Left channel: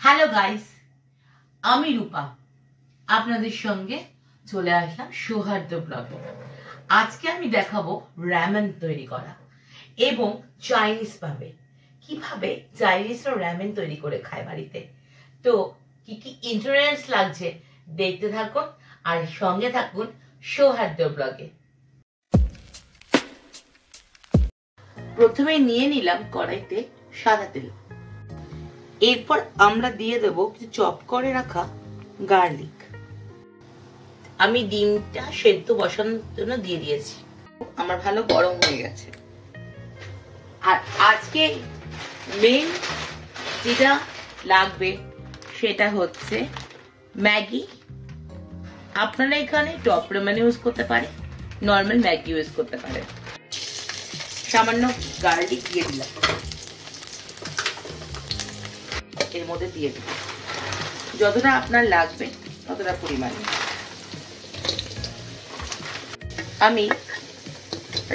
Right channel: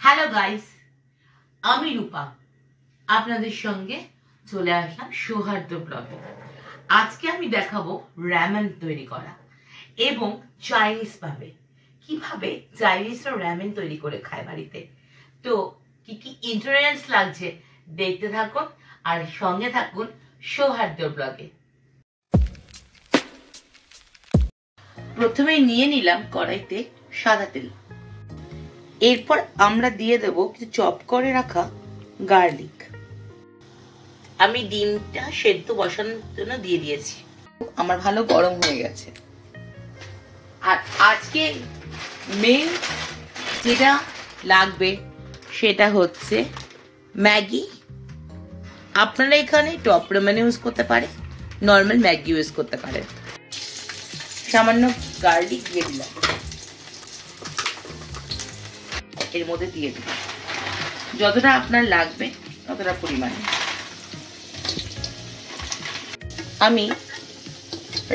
Hello guys, আমি রূপা আপনাদের সঙ্গে চলে আসলাম সৌহার্দ্য ব্লগে। আজকে আমি দেখাবো র‍্যামেন তৈরি করা এবং চাইনিজ ভাবে কিভাবে চাইনিজরা র‍্যামেন তৈরি করে খায় বাড়িতে। তো কি কি ইনগ্রেডিয়েন্টস লাগছে দেখতে থাকুন আর সঙ্গে থাকুন সৌহার্দ্য ব্লগে। প্রথমে নিয়ে নিলাম কড়াইতে সাদা তেল। এরপর আমরা দিয়ে দেব কিছু চপ করে রাখা গার্লিক। আমি ডিমটা সেদ্ধ বসানোর জন্য দিয়ে দিয়েছি। আমার ভালো গরম হয়ে গেছে। আর আজকে মেন যেটা লাগবে সেটা হচ্ছে ম্যাগি। আপনারা এখানে টপ র‍্যামেন ইউজ করতে পারে, নর্মাল ম্যাগি ইউজ করতে পারেন। সামান্য গার্লিক দিয়ে দিলাম, এর মধ্যে দিয়ে দেব যতটা আপনার লাগবে ততটা পরিমাণে। আমি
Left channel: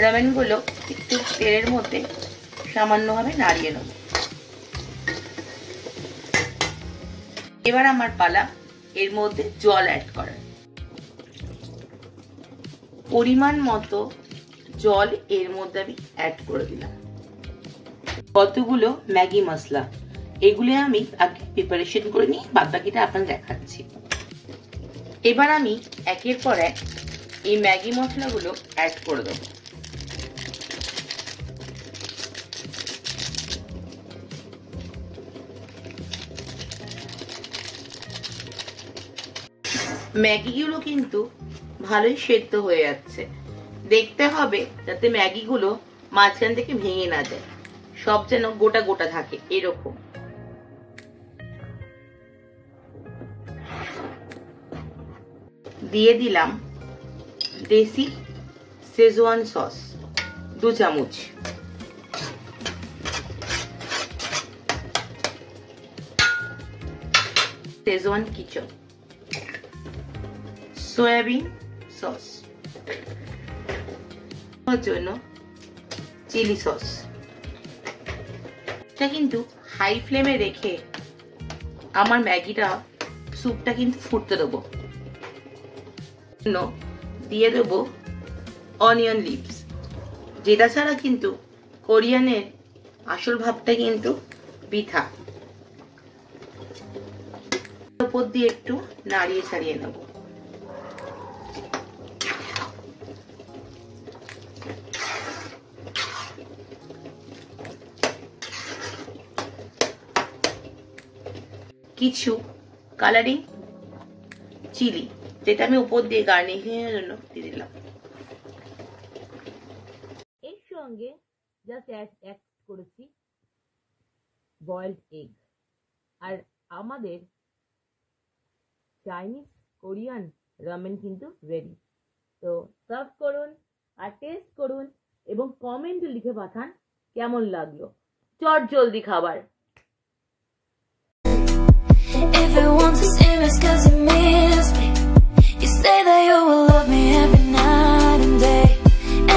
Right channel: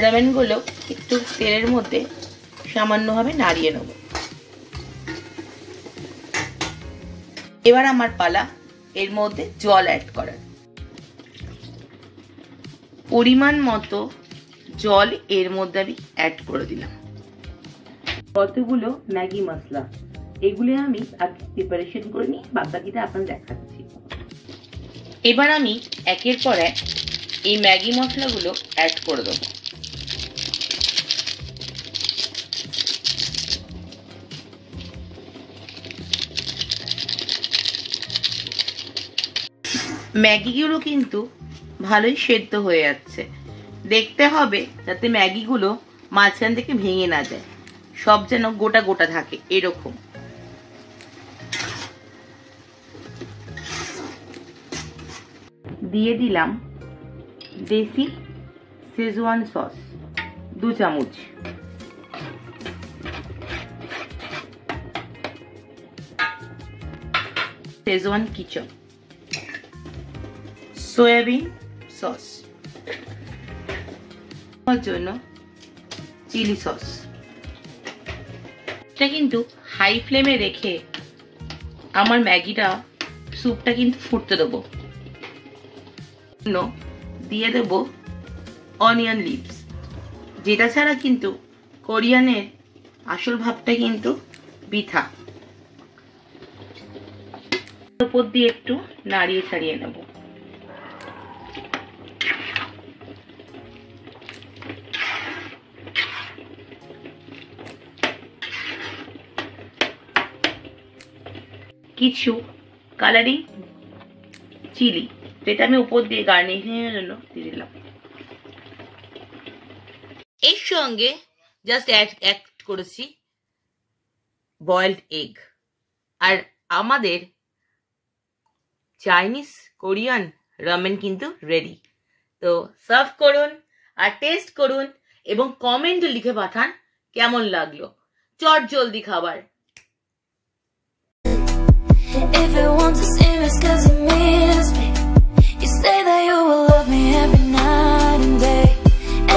র‍্যামেন গুলো একটু তেলের মধ্যে সামান্যভাবে নাড়িয়ে নেব। এবার আমার পালা এর মধ্যে জল অ্যাড করার। পরিমাণ মতো জল এর মধ্যে আমি অ্যাড করে দিলাম। কতগুলো ম্যাগি মশলা এগুলো আমি আগে প্রিপারেশন করে নিয়ে বাদ বাকিটা আপনাদের দেখাচ্ছি। এবার আমি একের পর এক এই ম্যাগি মশলাগুলো অ্যাড করে দেবো। ম্যাগিগুলো কিন্তু ভালোই সেদ্ধ হয়ে যাচ্ছে। দেখতে হবে যাতে ম্যাগিগুলো মাঝখান থেকে ভেঙে না যায়, সব যেন গোটা গোটা থাকে এরকম। দিয়ে দিলাম দেশি শেজওয়ান সস 2 চামচ। শেজওয়ান কিচেন সয়াবিন সস জন্য চিলি সস। এটা কিন্তু হাই ফ্লেমে রেখে আমার ম্যাগিটা স্যুপটা কিন্তু ফুটতে দেবো। দিয়ে দেবো অনিয়ন লিভস, যেটা ছাড়া কিন্তু কোরিয়ানের আসল ভাবটা কিন্তু বৃথা। উপর দিয়ে একটু নাড়িয়ে ছাড়িয়ে নেব। কিছু কালারিং চিলি যেটা আমি উপর দিয়ে গার্নিশিং এর জন্য দিয়ে দিলাম। এর সঙ্গে জাস্ট অ্যাড করেছি বয়েলড এগ। আর আমাদের চাইনিজ কোরিয়ান র‍্যামেন কিন্তু রেডি। তো সার্ভ করুন আর টেস্ট করুন এবং কমেন্টে লিখে পাঠান কেমন লাগলো। চট জলদি খাবার। If it wants to see me, 'cause it miss me. You say that you will love me every night and day,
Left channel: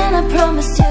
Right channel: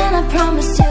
and I promise you